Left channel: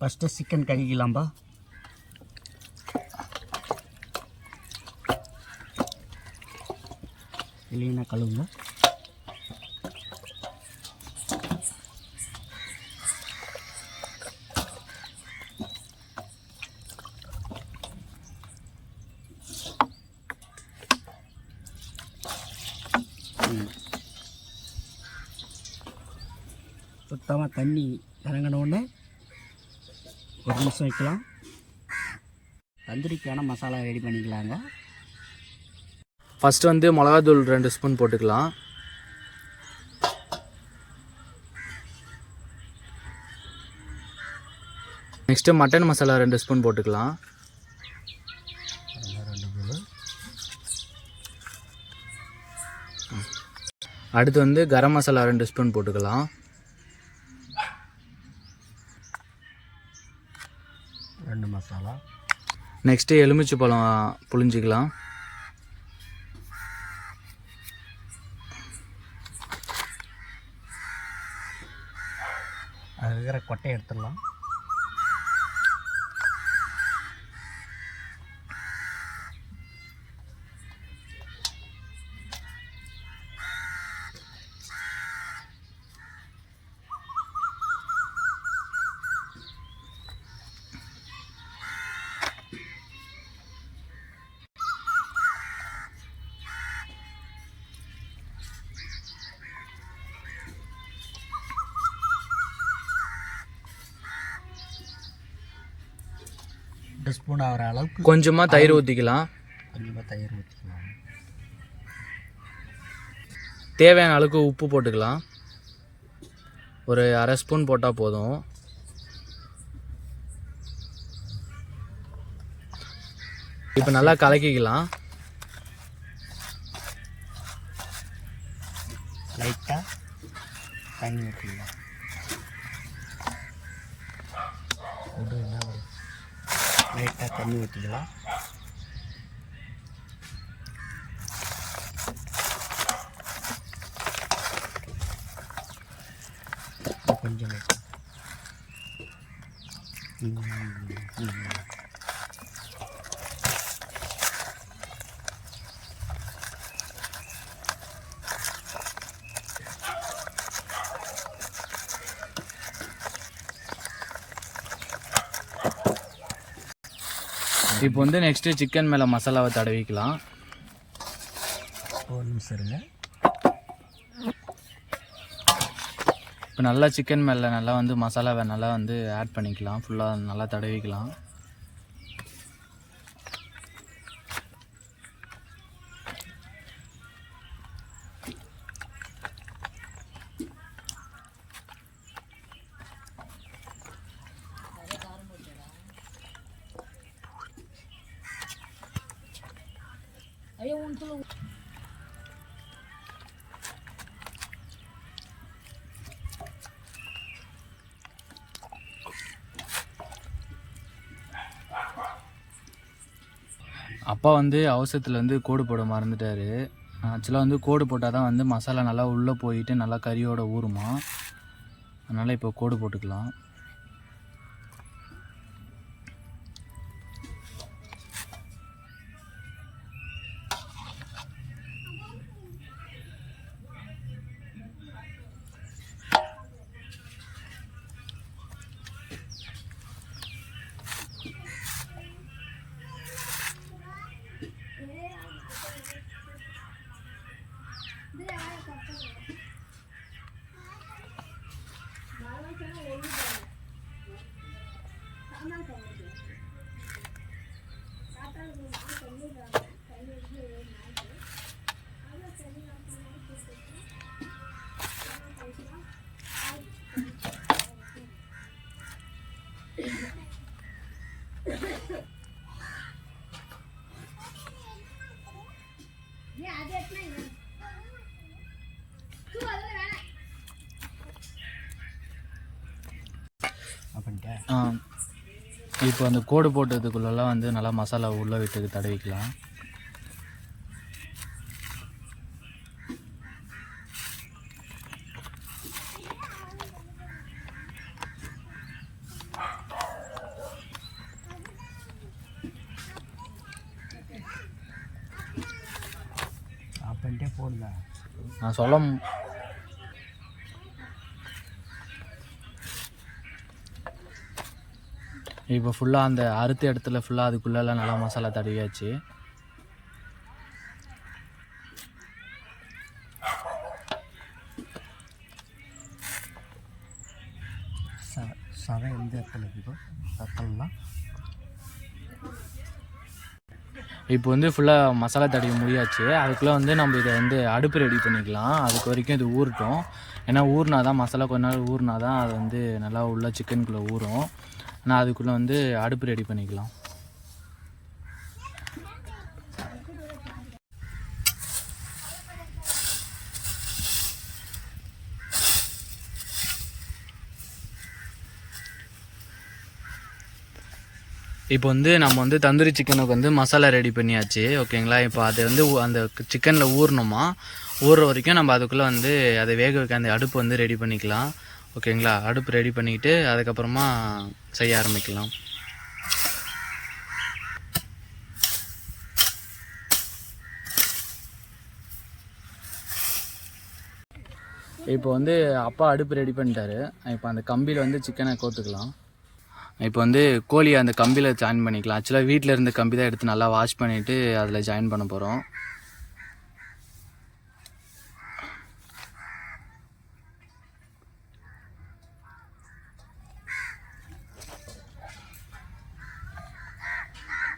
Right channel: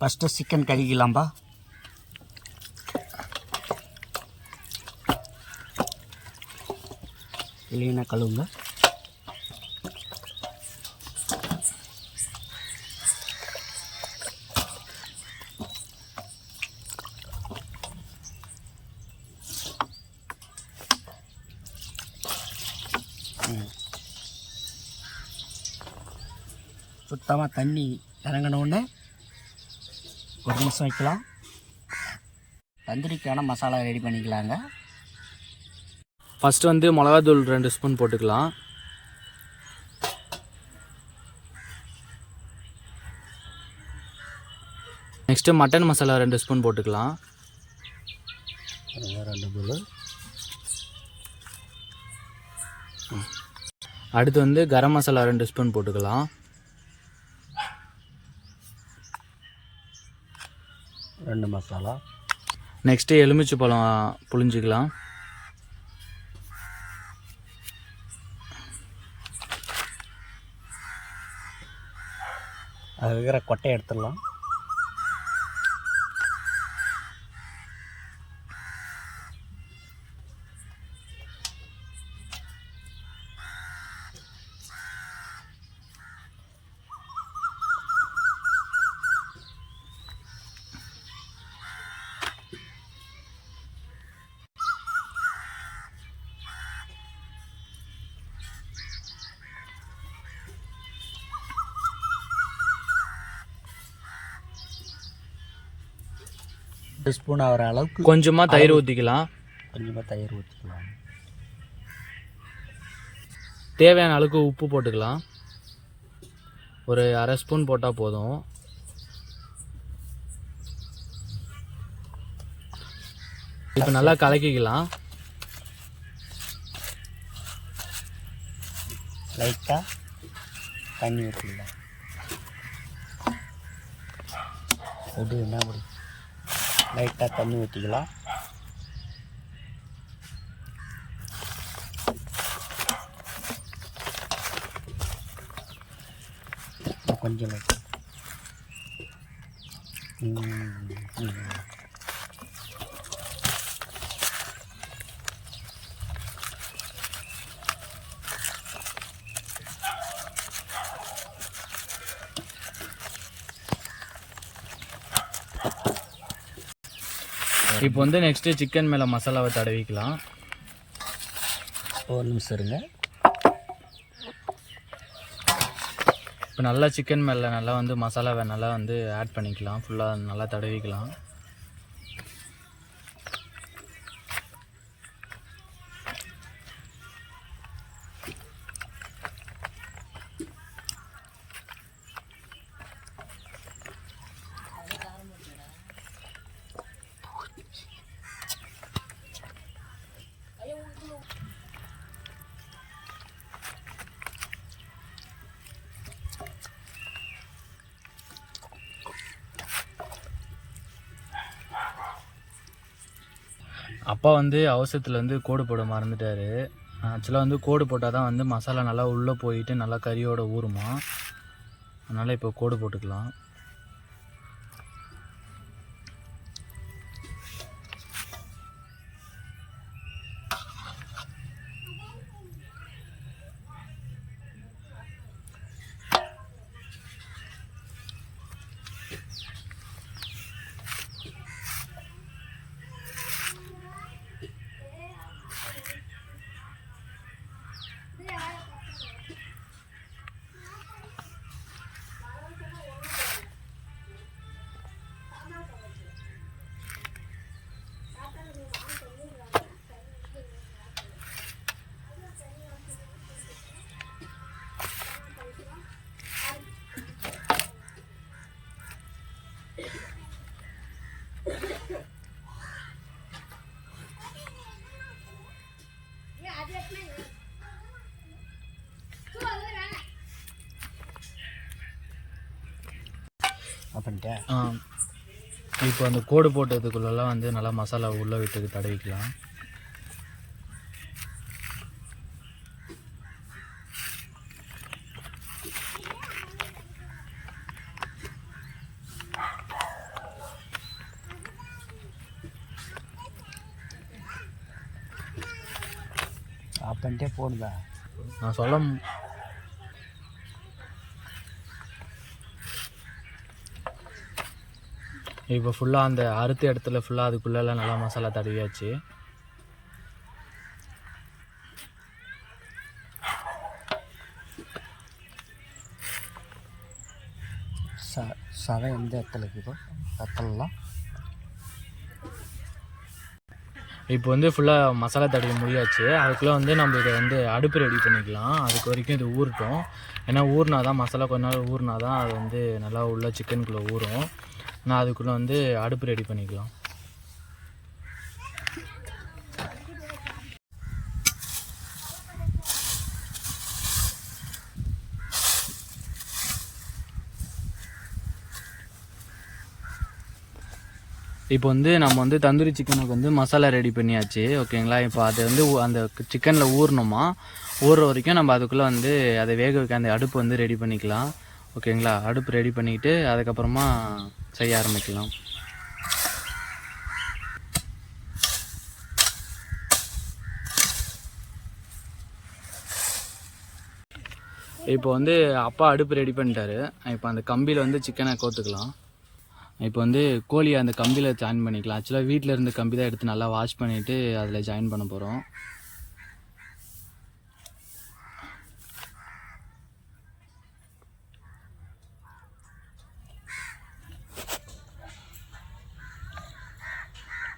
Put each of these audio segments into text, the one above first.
First chicken கழுகிக்கலாம்பா. இல்லைன்னா கழுவுங்க. சுத்தமாக தண்ணி இறங்கினோடனே ஒரு நிமிஷம் வைக்கலாம். தந்தூரிக்கான மசாலா ரெடி பண்ணிக்கலாங்க. ஃபஸ்ட்டு வந்து மிளகாத்தூள் 2 ஸ்பூன் போட்டுக்கலாம். நெக்ஸ்ட்டு மட்டன் மசாலா 2 ஸ்பூன் போட்டுக்கலாம். அடுத்து வந்து கரம் மசாலா 2 ஸ்பூன் போட்டுக்கலாம். ரெண்டு மசாலா. நெக்ஸ்ட்டு எலுமிச்சை பழம் புழிஞ்சிக்கலாம். அது இருக்கிற கொட்டையை எடுத்துடலாம். ஸ்பூன் ஆகிற அளவுக்கு கொஞ்சமாக தயிர் ஊற்றிக்கலாம். தேவையான அளவுக்கு உப்பு போட்டுக்கலாம். ஒரு அரை ஸ்பூன் போட்டால் போதும். இப்போ நல்லா கலக்கிக்கலாம். லைட்டாக தண்ணி ஊற்றிக்கலாம். லைட்டாக தண்ணி ஊற்றிக்கலாம். கொஞ்சம் இப்போ வந்து நெக்ஸ்ட்டு சிக்கன் மேலே மசாலாவை தடவிக்கலாம். ஒரு நிமிஷம் இருங்க. இப்போ நல்லா சிக்கன் மேலே நல்லா வந்து மசாலாவை நல்லா வந்து ஆட் பண்ணிக்கலாம். ஃபுல்லாக நல்லா தடவிக்கலாம். அப்பா வந்து அவசரத்தில் வந்து கோடு போட மறந்துட்டார். ஆக்சுவலாக வந்து கோடு போட்டால் தான் வந்து மசாலா நல்லா உள்ளே போயிட்டு நல்லா கறியோட ஊறுமா. அதனால் இப்போ கோடு போட்டுக்கலாம். இப்போ அந்த கோடு போட்டதுக்குள்ளெல்லாம் வந்து நல்லா மசாலா உள்ளே விட்டு தடவிக்கலாம். என்கிட்ட போடுதா நான் சொல்ல இப்போ ஃபுல்லாக அந்த அறுத்த இடத்துல ஃபுல்லாக அதுக்குள்ளெல்லாம் நல்லா மசாலா தடவியாச்சு. சதை எந்த இடத்துல இருக்குதோ இடத்துலலாம் இப்போ வந்து ஃபுல்லாக மசாலா தடவி முடியாச்சு. அதுக்குள்ளே வந்து நம்ம இதை வந்து அடுப்பு ரெடி பண்ணிக்கலாம். அதுக்கு வரைக்கும் இது ஊறட்டும். ஏன்னா ஊறினா தான் மசாலா கொஞ்ச நாள் ஊறினா தான் அது வந்து நல்லா உள்ள சிக்கனுக்குள்ளே ஊறும். ஆனால் அதுக்குள்ளே வந்து அடுப்பு ரெடி பண்ணிக்கலாம். இப்போ வந்து நம்ம வந்து தந்தூரி சிக்கனுக்கு வந்து மசாலா ரெடி பண்ணியாச்சு. ஓகேங்களா. இப்போ அதை வந்து அந்த சிக்கனில் ஊறணுமா, ஊறுற வரைக்கும் நம்ம அதுக்குள்ளே வந்து அதை வேக வைக்க அந்த அடுப்பு வந்து ரெடி பண்ணிக்கலாம். ஓகேங்களா. அடுப்பு ரெடி பண்ணிக்கிட்டு அதுக்கப்புறமா செய்ய ஆரம்பிக்கலாம். இப்போ வந்து அப்பா அடுப்பு ரெடி பண்ணிட்டாரு. இப்போ அந்த கம்பியில் வந்து சிக்கனை கோத்துக்கலாம். இப்போ வந்து கோழியை அந்த கம்பியில் ஜாயின் பண்ணிக்கலாம். ஆக்சுவலாக வீட்டில் இருந்த கம்பி தான் எடுத்து நல்லா வாஷ் பண்ணிவிட்டு அதில் ஜாயின் பண்ண போகிறோம்.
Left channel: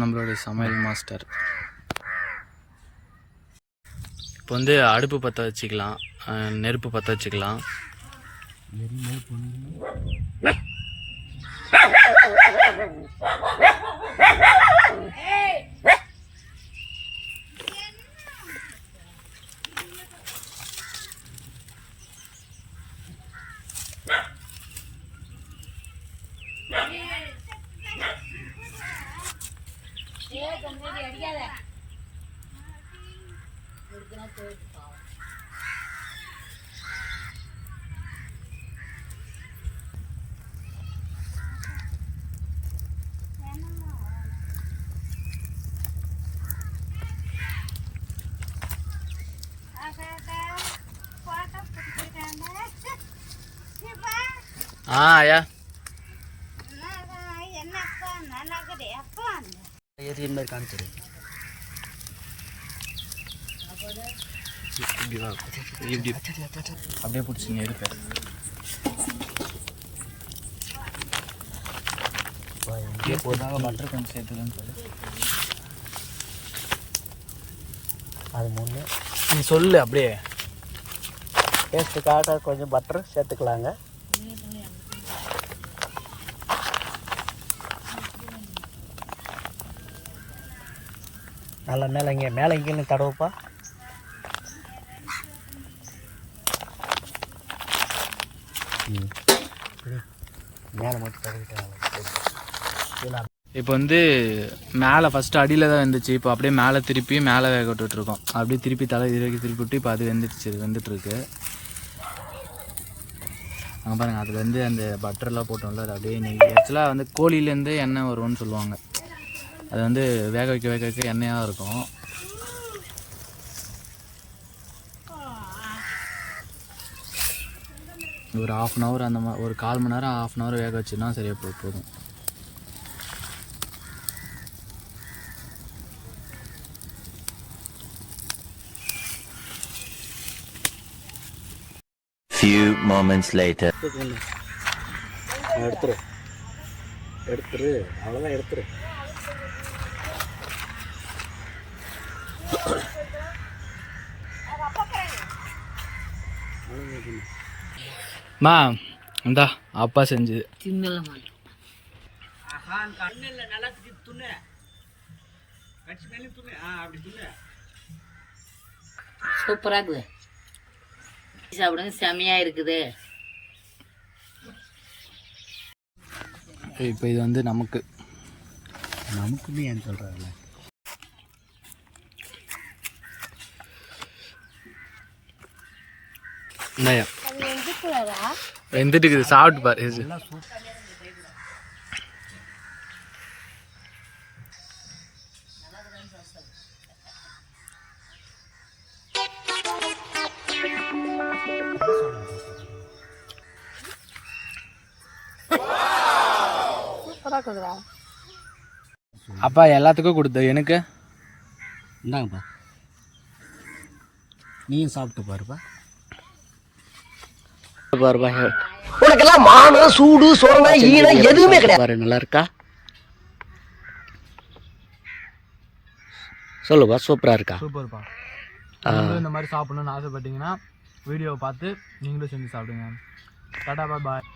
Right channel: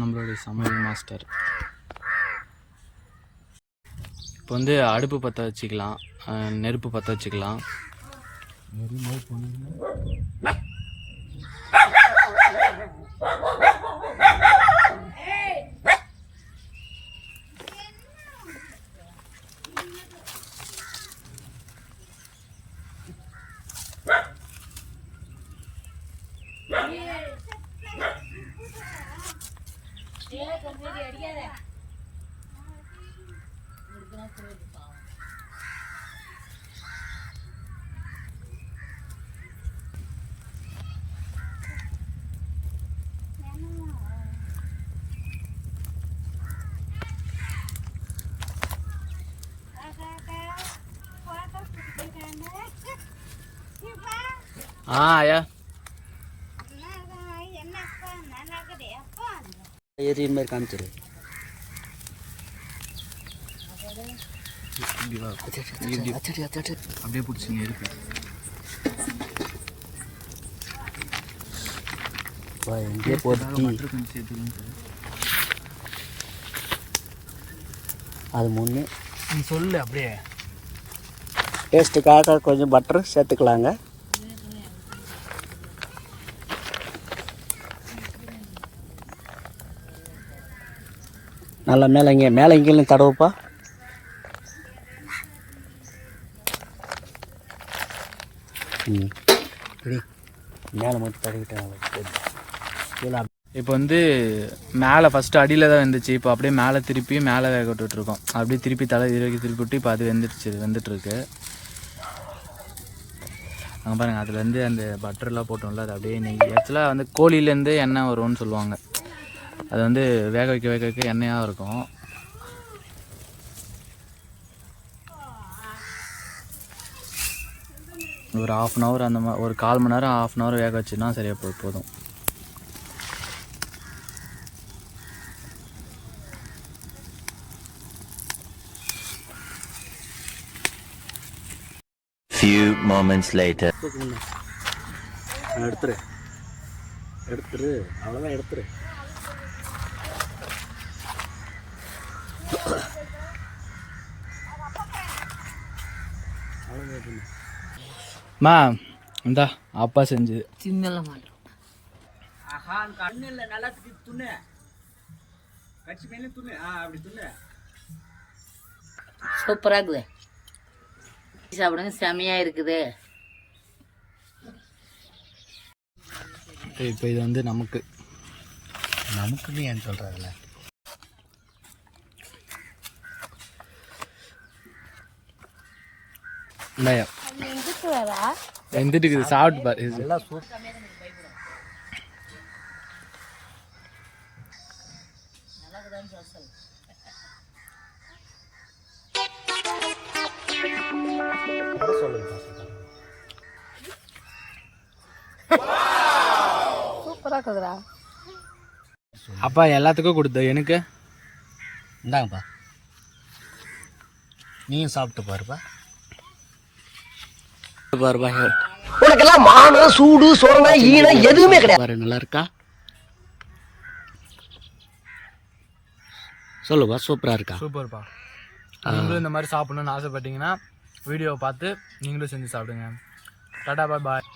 நம்மளுடைய சமையல் மாஸ்டர். இப்போ வந்து அடுப்பு பற்ற வச்சுக்கலாம், நெருப்பு பற்ற வச்சுக்கலாம். ஆயா ஏரியின் மாதிரி காமிச்சிரு. அப்படியே பிடிச்சி நெருப்பு பட்டர் கொஞ்சம் சேர்த்துக்கன்னு சொல்லு. அது முன்னே நீ சொல்லு. அப்படியே டேஸ்ட்டுக்காக கொஞ்சம் பட்டர் சேர்த்துக்கலாங்க. நல்லா மேலே இங்கேயும் தடவுப்பா. மேலே மட்டும் தடவிட்டாங்க. இப்போ வந்து மேலே ஃபஸ்ட்டு அடியில் தான் வெந்துச்சு. இப்போ அப்படியே மேலே திருப்பி மேலே வேக விட்டுட்ருக்கோம். அப்படியே திருப்பி தலை திருப்பி விட்டு இப்போ அது வெந்துட்டுருக்கு. அங்கே பாருங்கள், அதுலேருந்து அந்த பட்டர்லாம் போட்டோம்ல, அது அப்படியே நெய். ஆக்சுவலாக வந்து கோழிலேருந்து எண்ணெய் வரும்னு சொல்லுவாங்க. அது வந்து வேக வைக்க எண்ணெயாக இருக்கும். ஒரு 1/2 hour அந்த மாதிரி, ஒரு 1/4 மணி நேரம் 1/2 hour வேக வச்சுன்னா சரியாக போதும். Few moments later. எடுத்துரு அவ்வளோதான் எடுத்துரு. மா இந்தா அப்பா செஞ்சது. சூப்பராக இருக்குது. சாப்பிடுங்க, செமையாக இருக்குது. இப்போ இது வந்து நமக்குன்னு ஏன் சொல்கிறாங்கல்ல. இந்தாயா வெந்துட்டு இருக்குது. சாப்பிட்டு பாரு. சூப்பராக இருக்குதுடா. அப்பா எல்லாத்துக்கும் கொடுத்த எனக்கு இந்தாங்கப்பா, நீயும் சாப்பிட்டு பாருப்பா. பாருப்பா, உனக்கெல்லாம் மானம் சூடு சோழனா ஈனம் எதுவுமே கிடையாது. பாரு நல்லா இருக்கா? சொல்லுப்பா, சூப்பராக இருக்கா? சூப்பர்ப்பா. நீங்களும் இந்த மாதிரி சாப்பிடணும்னு ஆசைப்பட்டீங்கன்னா வீடியோவை பார்த்து நீங்களும் செஞ்சு சாப்பிடுங்க. டாடா பாய்.